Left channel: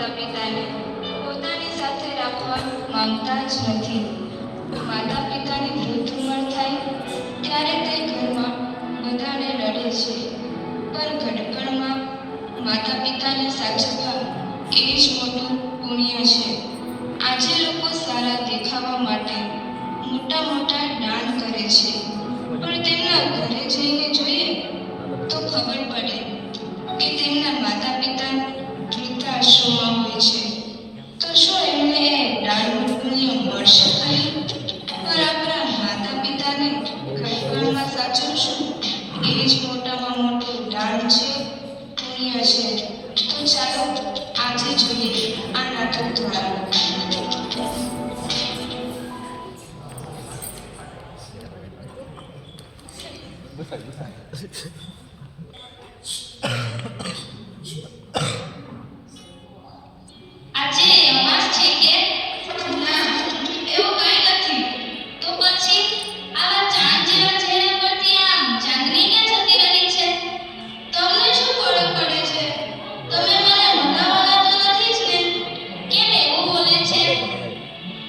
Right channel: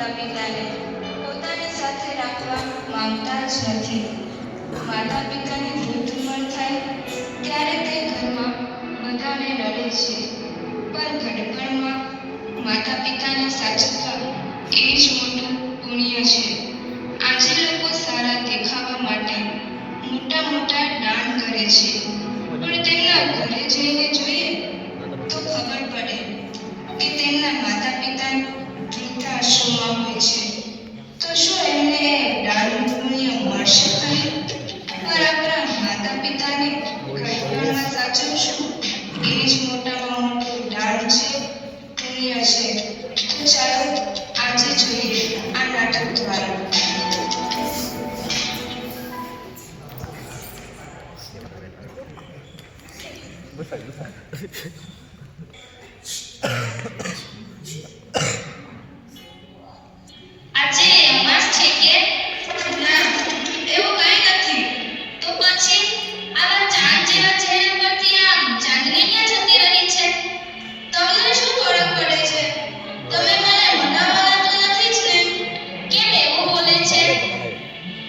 માતા પિતાને પોતાની સાથે રાખવા માંગતા જ નથી. માતા પિતાની વૃદ્ધ ઉંમર થાય ત્યારે તે ઘરમાં બધાને રડે છે, પણ ઘડપણમાં માતા પિતાને સાચવવા એ જ મોટું પુણ્ય છે. આજે લોકો સારા દેખાવા માટે મોટા મોટા દાન કરે છે, પણ તેમના ઘરે જઈને જોઈએ તો ખબર પડે કે તેમના માતા પિતા વૃદ્ધાશ્રમમાં હોય છે. તો શું એમને દાનનું પુણ્ય મળશે ખરી? પર આપણા માતા પિતાને ઘડપણમાં સાચવશું એ જ મોટામાં મોટું દાન છે, પુણ્ય છે. તો ચાલો આજે જોઈએ આ નાટક દ્વારા. આજે અમાસ છે કે ના, એવું કંઈ નથી. તો પછી આવા ચાંદ જેવા ચહેરા પરથી આમ ચાંદની ક્યાં જતી રહી છે? તમને શું ફરક પડે છે? તમે મને ભણાવવાના તો નથી જ ને? કેમ એવું બોલે છે?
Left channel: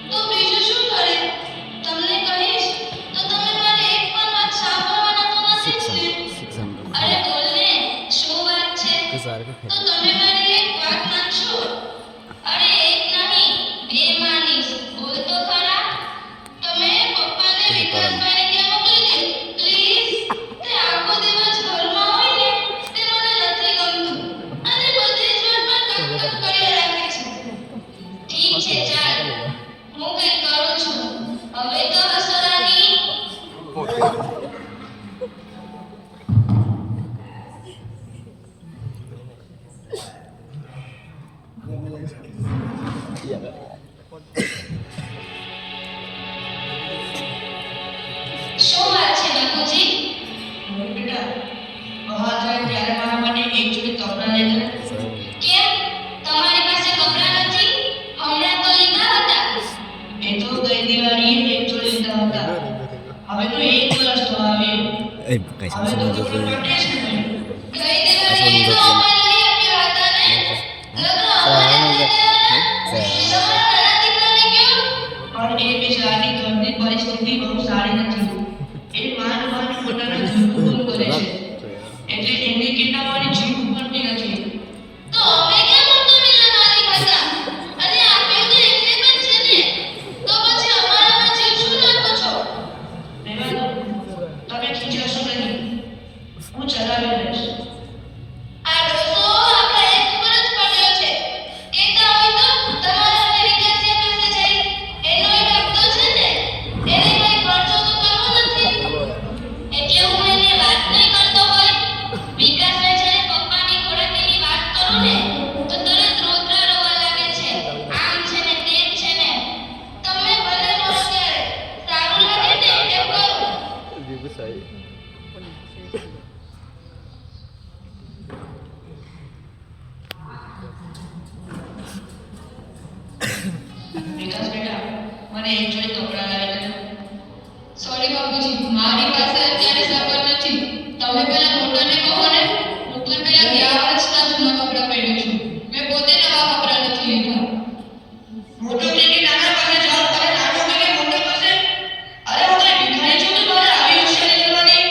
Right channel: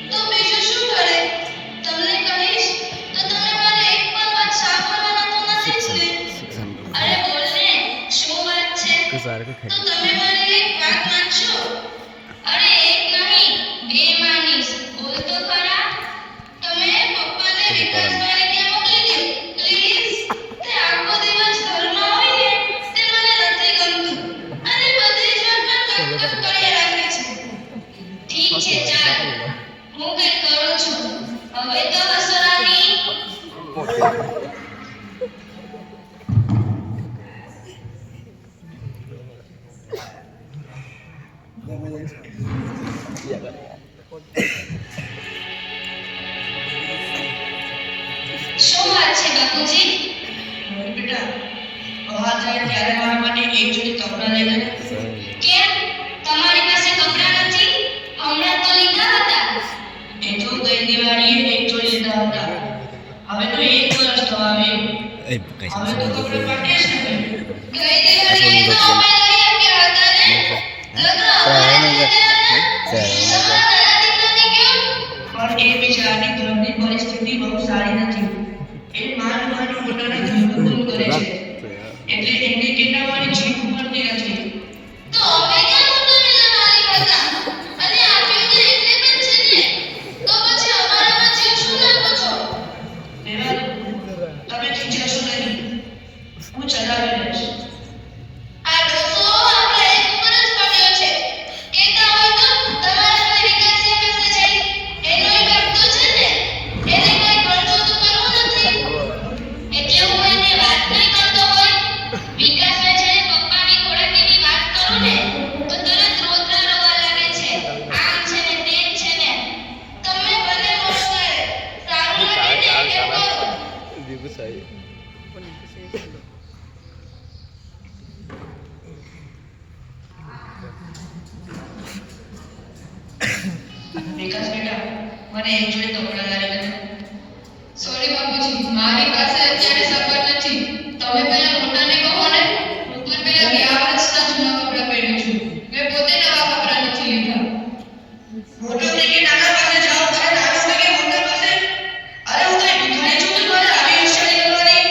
તો બીજું શું કરે? તમને કહીશ તો તમે મારે એક પણ વાત સાંભળવાના તો નથી જ ને? અરે બોલને, શું વાત છે? તો તમે મારી એક વાત માનશો? અરે એક નહીં, બે માનીશ. બોલ તો ખરા. તમે પપ્પાને વિકાસવાળી ત્યાં મોકલી દો પ્લીઝ. તે આખો દિવસ ઘરમાં હોય ને તે મને નથી ગમતું અને બધી જ વાતમાં કટકટ કર્યા રાખે છે. ઠીક છે, ચાલ, હું કંઈક કરું છું. હવે તો હસરાની. શું વાત છે બાપુજી? બેટા, બહાર જાય ત્યારે મારા માટે એક જોડી કપડાં લઈ લે. કેમ? તમારી પાસે કપડાં નથી? હમણાં તો લીધા હતા. એ તો ગઈ દિવાળીએ એક જોડી લીધા હતા. હવે તો એક વર્ષ તો આવ્યું. હવે તો કપડાં પટે જ નહીં. ગઈ દિવાળીએ તો અમે લઈ આપ્યા હતા ને. લગ્ન અમારા થઈ ગયા હતા. નાના દીકરાને કેવું? પણ એ બિચારાની ઘરની પરિસ્થિતિ બહુ સારી નથી. એ માન પોતાના જીવનું કરે છે, એટલે એને કેટલાવાળી જીવ પડતી નથી. તો અમે કેમ મોટોને લગાડી હતા અને આપ્યું તો એટલે પણ છે ને. તો પછી અમારામાં જીવ શું નાખો છો? બેટા, તમે ખીજશો નહીં, હું ચલાવી લઈશ. આ ડોસો આપણે એક ઉપર જ પડ્યો છે. કહેતા હોય તો તમારા અમેરિકા પાસે જઈ એનો એક હપ્તો છે ને, એને કઈ ખર્ચો તો કરવો નથી. એટલે હું એને વાત નહીં કરતો હોય. વિકાસભાઈ જ્યારે પપ્પાની ખોરાકીની વાત કરું ને તો તરત રોતરા રોવા લાગે છે. આમ છે ને તેમ છે ને. તમે ભલે મોકલે સારું લાગે ને એમ કરો. વિકાસ બેટા, મને એક જોડી કપડાં લાવી દેજો. સોરી બાપુજી, મારી પાસે અત્યારે સગવડ નથી. તમે પેલા મોટાને કહો ને. હું પણ પેલા ગયા વર્ષના જૂના કપડાં પહેરું છું. મેં પોતે નવા કપડાં નથી લીધા. મોટો છે કે નાના પાસે જાઓ? અરે નાનો છે કે મોટા પાસે? અરે હું કઈ ભિખારી છું કે મારે આવી હોશિયારી કરવાની?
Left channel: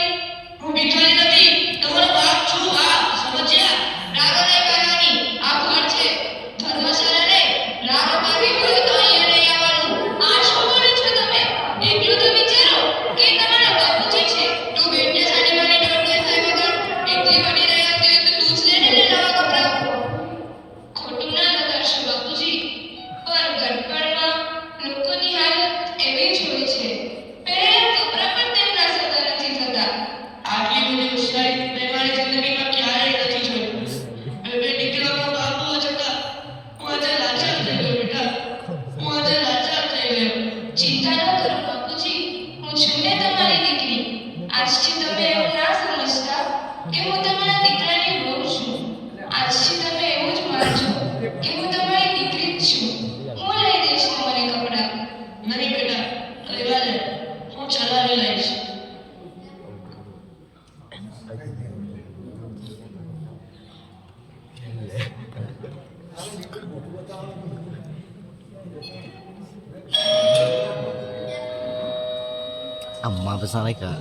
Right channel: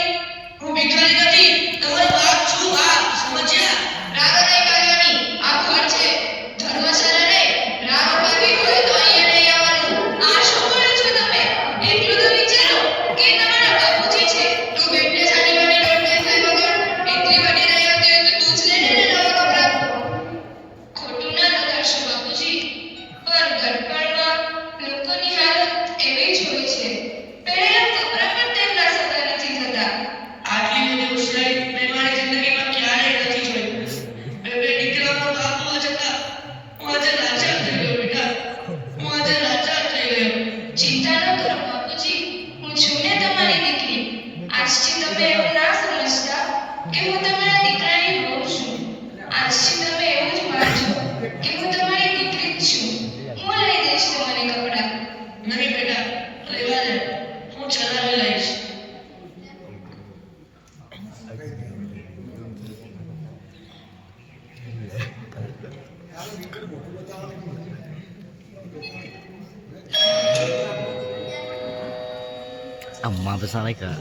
હું ભિખારી નથી, તમારો બાપ છું. આ સમજ્યા? રાગા નહીં કરવાની. આ ઘર છે, ધર્મશાળા રે. રાગ કરવી હોય તો અહીંયા નહીં આવવાનું. આ શું કરો છો તમે? Amma besar mereka.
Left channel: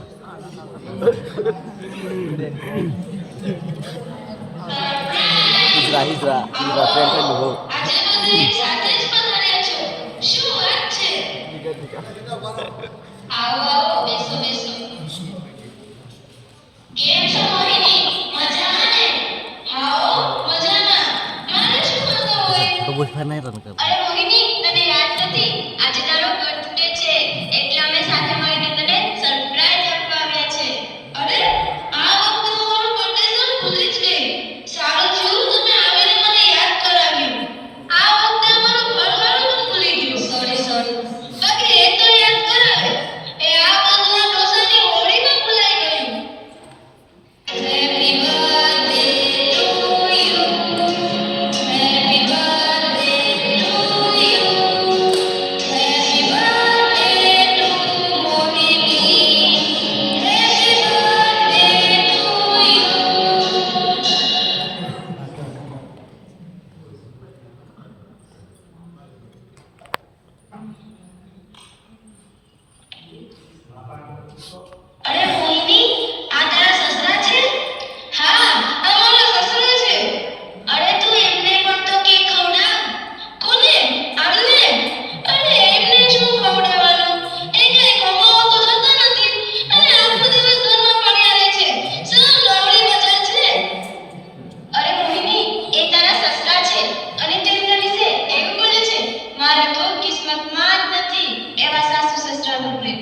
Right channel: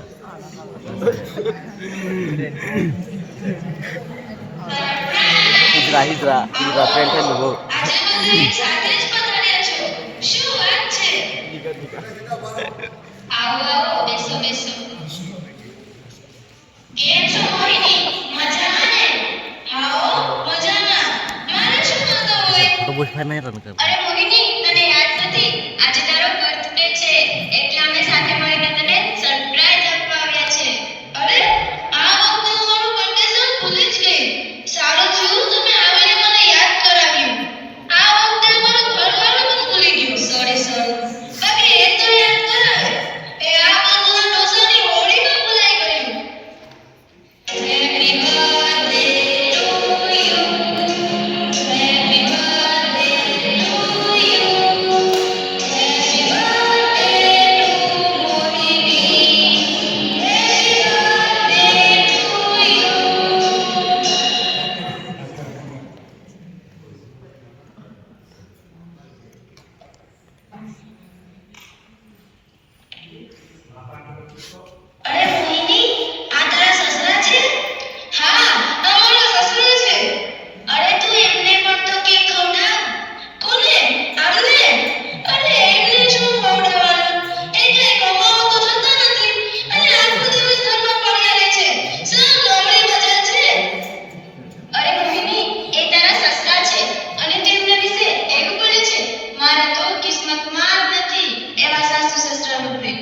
Hijrah friend dulu. શું વાત છે? આવો આવો બેસો બેસો. કેમ છો મોહિની? મજામાં ને? આવો મજામાં. મારે શું વાંધો હોય? ફોટો બોલ ફાર નહીં રન કર. અરે મોહિની તને યાદ નથી? આજે તારો બર્થડે છે એટલે અમે સાથે મળીને તને સરપ્રાઈઝ આપવા આવ્યા છે. અરે આ વખતે હું મારું કન્ડિશન ભૂલી જ ગઈ. સારું થયું તમે આવીને મને યાદ કરાવ્યું. આ વખતે મારું ઘરવાળું પણ ભૂલી ગયું. સોરી. બાકી એ તો યાદ કરાવે. એ આ બધું ડોસાની હોળીમાં ભૂલાઈ ગયું. Happy birthday to you. Happy birthday to you. Happy birthday to Mohiनी. Happy birthday to you. અરે મોહિની આ તારા સસરા છે? હા આ મારા સસરા છે. અરે તું એમને પણ તો કેક ખવડાવ. કોને? આમને? અરે એમને શું ખવડાવવાનું? એ કઈ કમાવા તો જતા નથી અને આખો દિવસ ઘરમાં પડ્યા રહે છે. શું નવરી મજા છે? અરે મોહિની એ તારા સસરા છે અને તેમના વિશે એવું બોલે છે. મારે તો કિસ્મતમાં જ નથી એવા સાસુ સસરા મળે.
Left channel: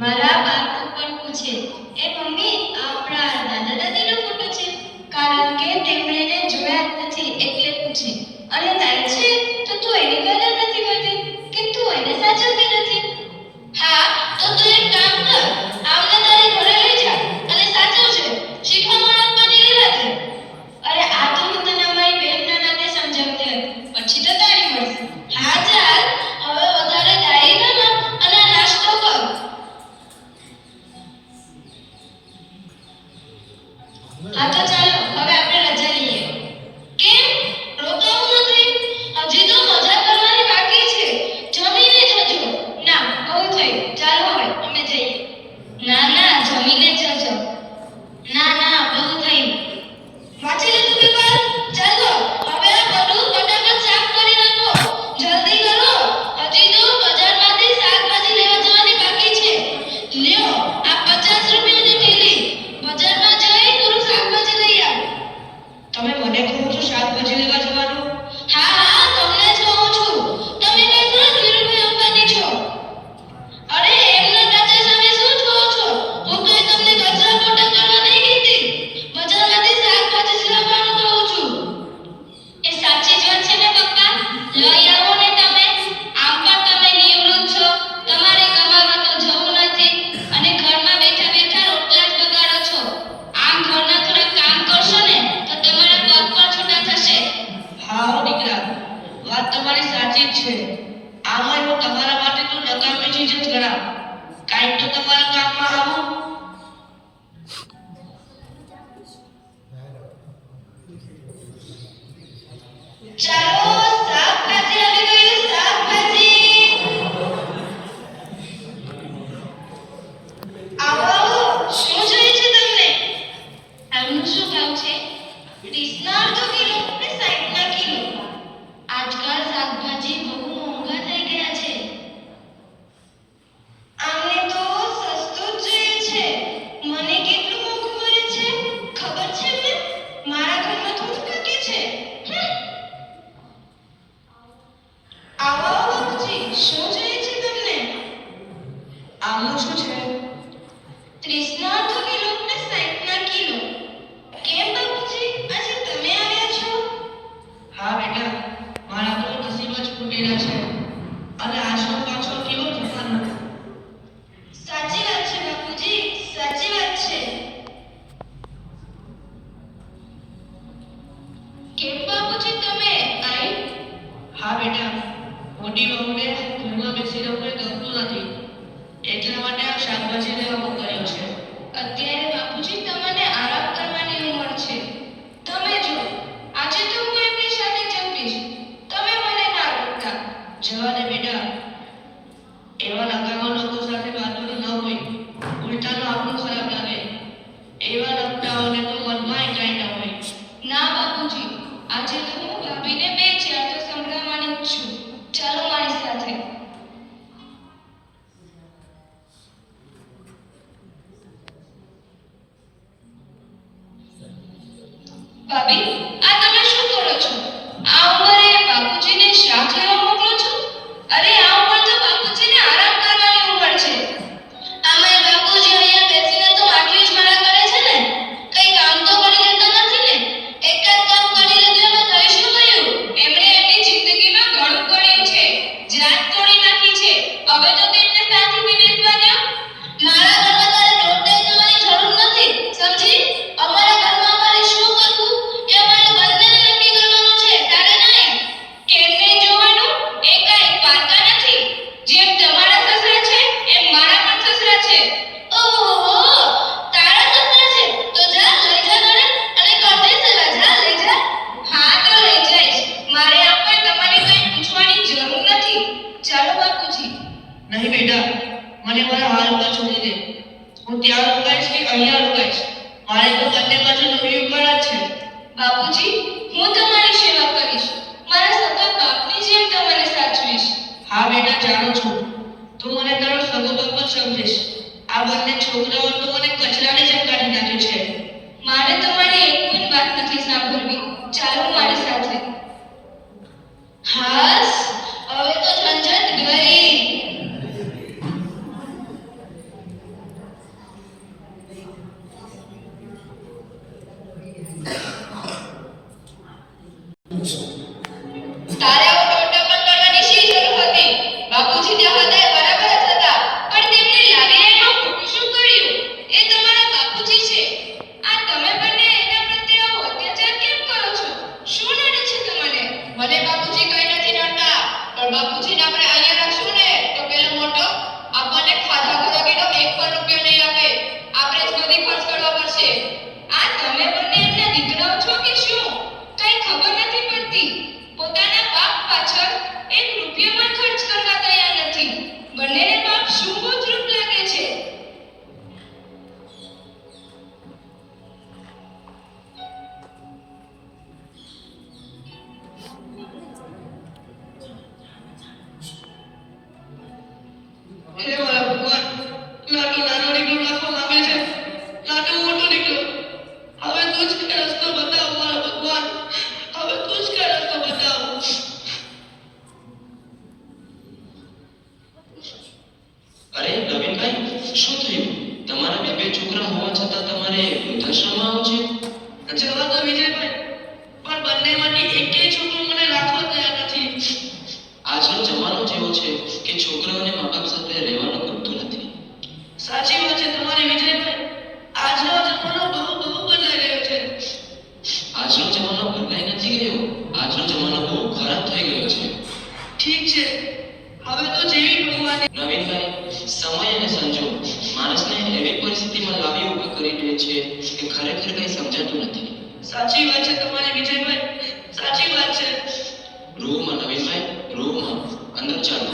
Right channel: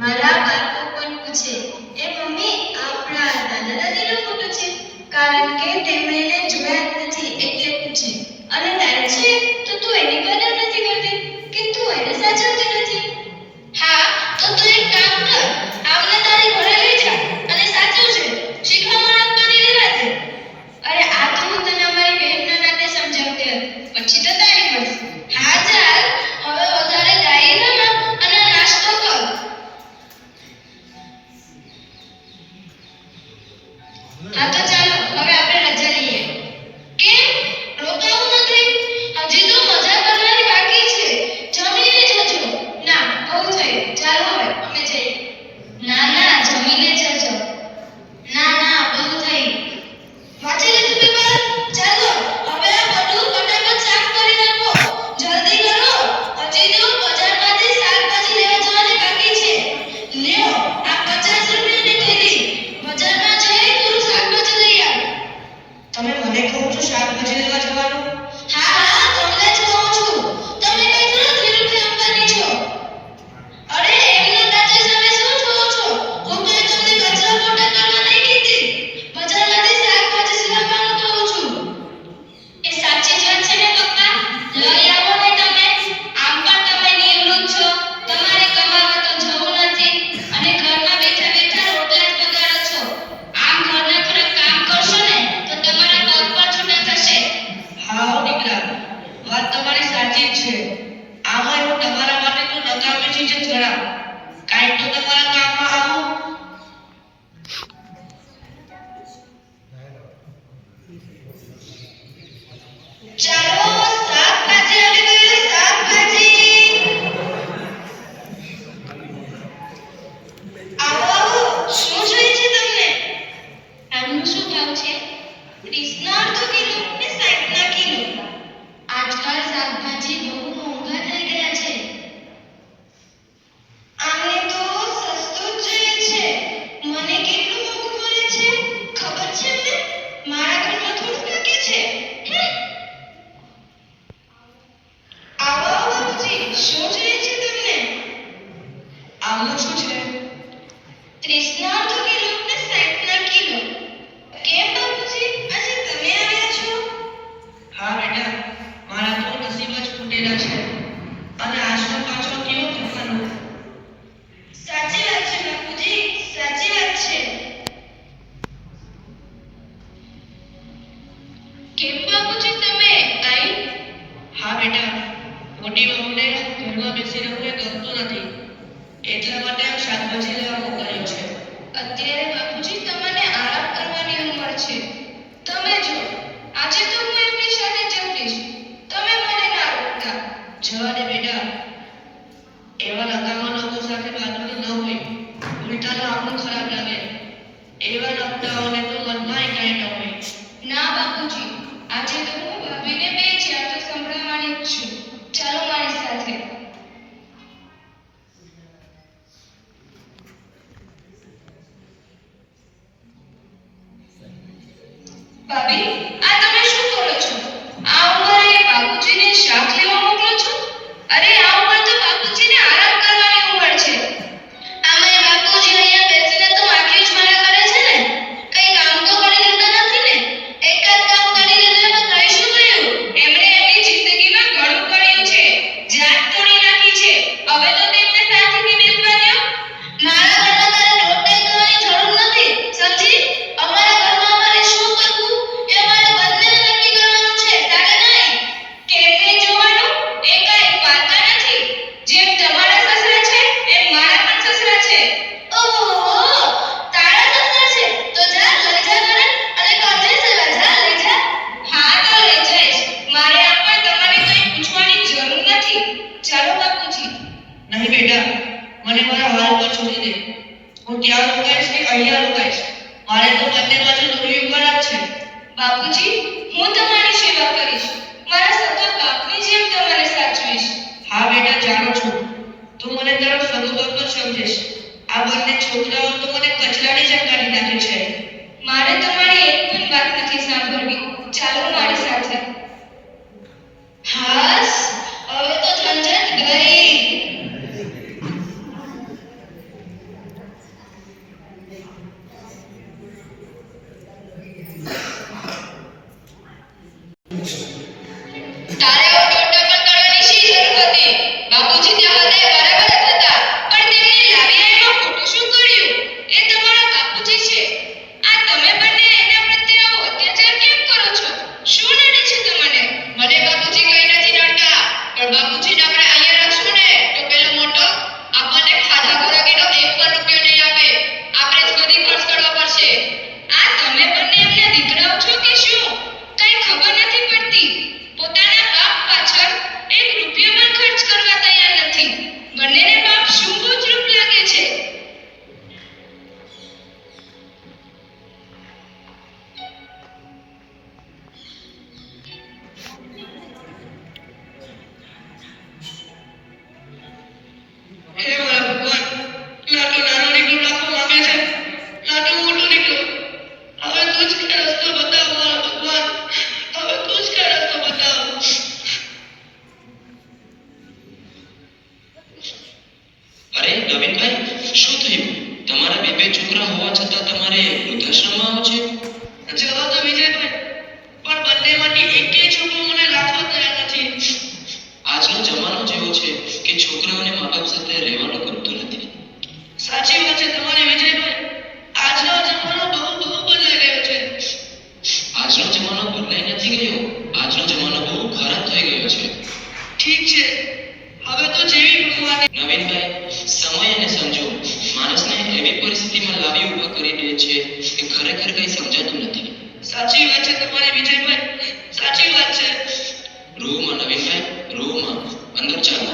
મારા બાપુ પણ પૂછે એ મમ્મી આપણા દાદા દાદીનો ફોટો છે? કારણ કે તેમણે એને જોયા જ નથી એટલે પૂછે. અને તારે છે તો તું એની કદર નથી કરતી કે તું એને સાચવતી નથી. હા તો તું એક કામ કર, આવને તારી ઘરે લઈ જા અને સાચવજે. શીખવામણ આપવાની રહેવા દે. અરે આ તો હું તને અમારી બહેનના નાતે સમજાવતી હતી. પછી તો તારી મરજી. હા ચાલ હવે વધારે ડાયરી રમો અને નાસ્તો કર. હા તો ચાલો હવે આપણે રજા લઈએ. કેમ રોકાવું નથી? હજી તો મજા કરવાની બાકી છે. જમીને જજો. ના બહુ થયું, ચાલો હવે અમે જઈએ. ના જમીને જજો. ના બહુ થઈ. વાંચી લીધું પેપર? ચાલો હવે આ બધું ફટાફટ સાફ કરી નાખો. જલ્દી કરો. હજી તો બજારમાંથી શાકભાજી લેવા જવાની બાકી છે. લ્યો આ 50 રૂપિયાની થેલી. બજારમાં જઈ થોડું શાકભાજી લઈ આવ. તમે મને કહો છો શાકભાજી લેવા જવાનું? હા તમને જ કહું છું. તમે કઈ થોડા ધીરુભાઈ અંબાની છો? અરે એમના કાચા સામે શું કહો છો? હું કઈ તમને કચરા પોતા કરવા નહીં કીધી. બજારમાંથી શાકભાજી લાવવાનું કહું છું. એ સાચી જ વાત છે ને પપ્પા? લઈ આવો ને તમે. આમ પણ તમે નિવૃત્ત છો. તમારે કમાવા તો જવું નથી અને ઘરમાં બેઠા બેઠા રોટલા જ બગાડો છો. આમ ઘરના થોડા કામ કરશો ને તો તમારા પગ પણ છૂટા થશે. હા દીકરા વાત તમારી સાચી જ છે. આમાં હું તમારા માટે તો નકામી ચીજ જ ગણાવ. કાંઈક તો તમારા કામમાં આવું. ચાલો શાકભાજી આવી ગયું. શાકભાજી આવો. શું જોઈએ છે તમને? આમનો શું ભાવ છે? 30 તો કિલો ને 60 કિલો. આજકાલ શાકભાજી બહુ મોંઘા થઈ ગયા છે. આમને તો સસ્તું જ જોઈએ છે. મને કેટલું મોંઘું મળે છે ખબર છે ને? મારા ઘરમાં થોડું બાકી છે. આવો બાપુજી, શું જોઈએ છે તમને? આમનું શું છે? 30 કિલો ને 60 કિલો. કેમ બાપુજી આજે તમે આવ્યા છો? હા બેટા મારા તો નસીબ જ ફૂટેલા છે અને આશરો પાછો કેવો કરવાનો. સાચી વાત છે બાપુજી, સાચી વાત છે. કેમ બાપુજી તમે આઈ? હા બેટા મોટી વહુને ઘરમાં બેસી રહેવું એ ગમતું નથી એટલા માટે આ શાકભાજી લેવા મોકલ્યો છે. અત્યારે બાપુજી તમને આરામ કરવાની ઉંમર છે. તમે જો આજે તો હું એમની સાથે જમતીશ જવા દે બેટા. એવા નકામા લોકો સાથે વાતોની ન હોય. ઉલટાનું આપણું ખરાબ લાગે. એવા નકટાઓને તો મનમાં એકાઈ ન હોય. ના બાપુજી, આજે તો હું ભાભીને બે ચાર તો સંભળાવવાની જ છું. ચાલો મારી સાથે. ભાભી, આ તમે શું કરો છો? આ ઉંમરે બાપુજીને શાક લેવા મોકલો છો? અરે આ ઉંમર તો બાપુજીને આરામ કરવાની ઉંમર છે. આમાંય બાપુજી અહીંયા બેસીને તો આટલી જ મારા કરે છે ને. કઈ કામ તો કરી લેતા નથી ને. એક જ કામ કરી લીધું એમાં કઈ શું કર્યું? એમણે એમની જિંદગીમાં ઘણું કર્યું છે. જાત તોડી નાખી છે. હવે તો તેમને સાથેથી બેસવા દો. મારા ઘરમાં તારે રોટલી કરવાની જરૂર નથી. સમજી? અમારા ઘરમાં અમારે શું કરવું એ અમારે બંનેને નક્કી કરવાનું છે, તારે નહીં. કેમને જોવાનું એ કાંઈ પારકા નથી. જેમ તમારા સસરા છે એમ મારા પણ સસરા છે. ઓહો, તારા સસરા છે તો જા લઈ જા ઘરે અને કરજે સેવા. જા લઈ જા. હા તો લઈ જઈશ. મારે આપણે તમારે કંઈ પૂછવાની જરૂર નથી. ચાલો બાપુજી. નહીં બેટા, મને મારા હાલ પર છોડી દે. હું ત્યાં રોકાઈશ કે અહીંયા રોકાઈશ, મારે તો બંને બાજુ નોકરી કરવા જ છે. બાપુજી, હું તમારી સેવા કરીશ. મારા સગા બાપની જેમ તમારે સાચવીશ. હા બેટા, જાણું છું. તું મને તારો સગો બાપ જ સમજીશ. આ બંને છોકરાઓ તો મને કચરાની જેમ કાઢી નાખે છે. મારે તમારી એક પણ વાત નથી સાંભળવી. ચાલો મારી સાથે. હાસ, હવે તો ઝંઝટ ગઈ. તારે એવો ટોટલ કરવાની શી જરૂર હતી? બાપુજી ત્યાં હતા બરાબર જ હતા, પણ તેમને લાવીને એમાં ખોટું શું કર્યું? એ તમારા બાપુજી છે. આ તમે બંને એના પ્રત્યે આવો અત્યાચાર કેમ કરો છો? શું નડે છે તમને? મને બાપુજી કઈ નથી નડતા, પણ બાપુજીને આપણે અહીંયા રાખશું ને તો પેલો મોટો આપણને ખાધા ખોરાકીનો એક પણ રૂપિયો નહીં આપે. આપણે જ બધી ખર્ચ કરવો પડશે. આ તમે બંને એમના દીકરાઓ છો કે શું? કઈ ખબર નથી પડતી. પોતાના બાપ પાછળ એક રૂપિયો પણ ખર્ચ કરવા તૈયાર નથી. બંનેને બાપ શું બોજરૂપ લાગે છે. હે મારા ભગવાન, લાડુ નાનો નીકળો રાખવા માંગે છે. લાડુ મોટો નીકળો. હવે તું જ કઈ રસ્તો બતાવ મારા ભગવાન. હવે તું જ કઈ રસ્તો બતાવ. અરે નવીનભાઈ, શું થયું? તમારા બે છોકરા હોવા છતાં તમારે વૃદ્ધાશ્રમમાં આવો છે? જવા દો વિજયભાઈ, પણ બંનેમાંથી એકેય છોકરો મને રાખવો તૈયાર નથી. આજનો જમાનો જેવો છે કે છોકરાઓને મા બાપ સાથે રહેવાનું ગમતું નથી. સાચી વાત છે તમારી વિજયભાઈ. આજનો જમાનો બહુ બદલાઈ ગયો છે. આજનો જમાનો બદલાઈ નથી ગયો, આજનો જમાનો બહુ ખરાબ થઈ ગયો છે. ઠીક છે, હવે તો જેવી ભગવાન. નવીનભાઈ, સમય અને સંજોગ માણસને એવી પરિસ્થિતિમાં લાવી ઊભા કરી દે છે કે ખરેખર કંઈ સમજાતું નથી. સાચી વાત છે તમારી વિજયભાઈ, સાચી વાત છે. રૂમાં નવીનભાઈ, રૂમાં અંદર ચાલો.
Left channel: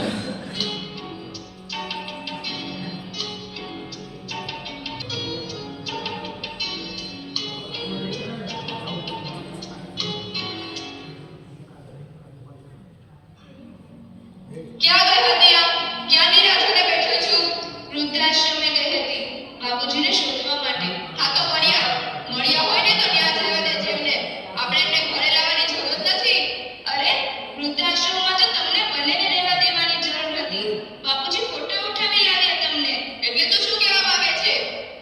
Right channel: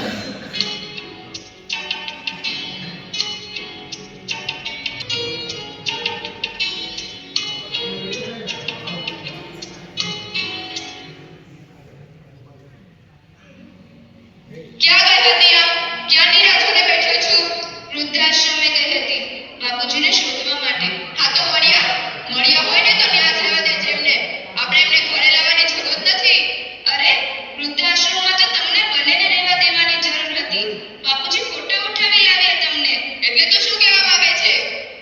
ક્યાં ગઈ હતી આપ? ક્યાંની રાહ જોઈને બેઠો છું? વૃદ્ધાશ્રમે ગઈ હતી બાપુજીને શોધવા માટે. હા તો મળ્યા હોય ને તો ત્યાં જવા દેજે એમને. આપણે એમને ઘરે લાવવાની જરૂર નથી. અરે વૃદ્ધાશ્રમમાં તો તમને બંનેને રહેવા દેવાની જરૂર હતી. બાપુજી ફોટો ઉઠાવી લાવ્યા તમને. એટલે તો શું કહેવા માંગે છે?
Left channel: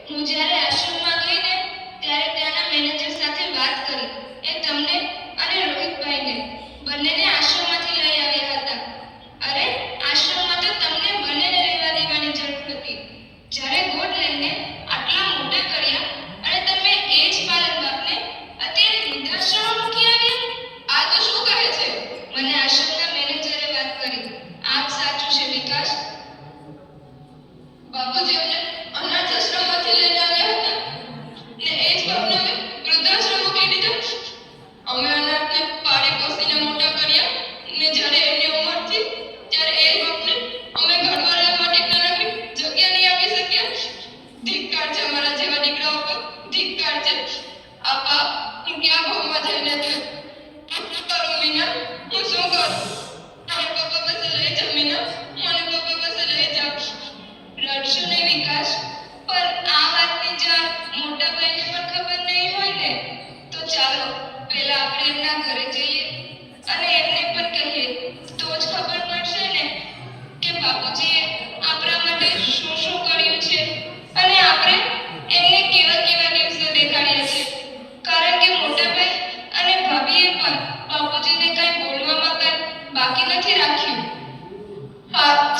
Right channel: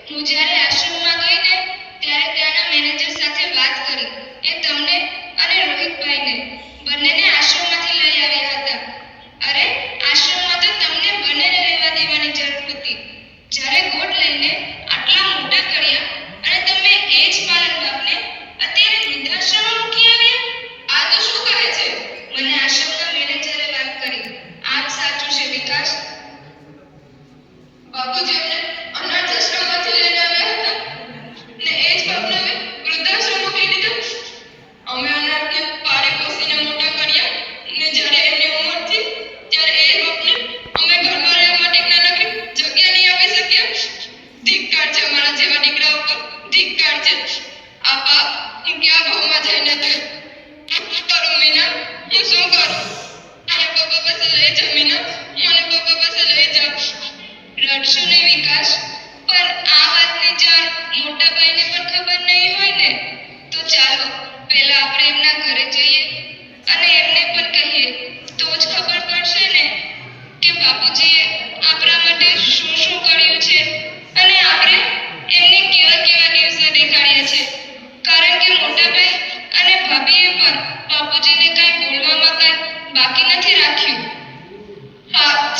હું જ્યારે આશ્રમમાં ગઈ ને ત્યારે ત્યાંના મેનેજર સાથે વાત કરી. એ તમને અને રોહિતભાઈને બંનેને આશ્રમમાંથી લઈ આવ્યા હતા. અરે હું શું કરું? મને પપ્પા પાસે લઈ જા મીના, મને પપ્પા પાસે લઈ જા. રડશો નહીં વિકાસ, પણ આ વાતની જાણ મોટા ભાઈને પણ ખબર નહીં હોય ને, તો ચાલો પહેલા આપણે એમના ઘરે જઈએ અને એમને પણ કહીએ, તો જ ખબર પડશે ને કે બાપુજીએ આપણા માટે શું શું કર્યું છે અને આપણે એમને કેવા કેવા દિવસો દેખાડ્યા છે. કારણ કે મોટા ભાઈ અને ભાભીએ પણ બાપુજીને કાંઈ બોલવામાં કાંઈ બાકી નથી રાખ્યું. હા,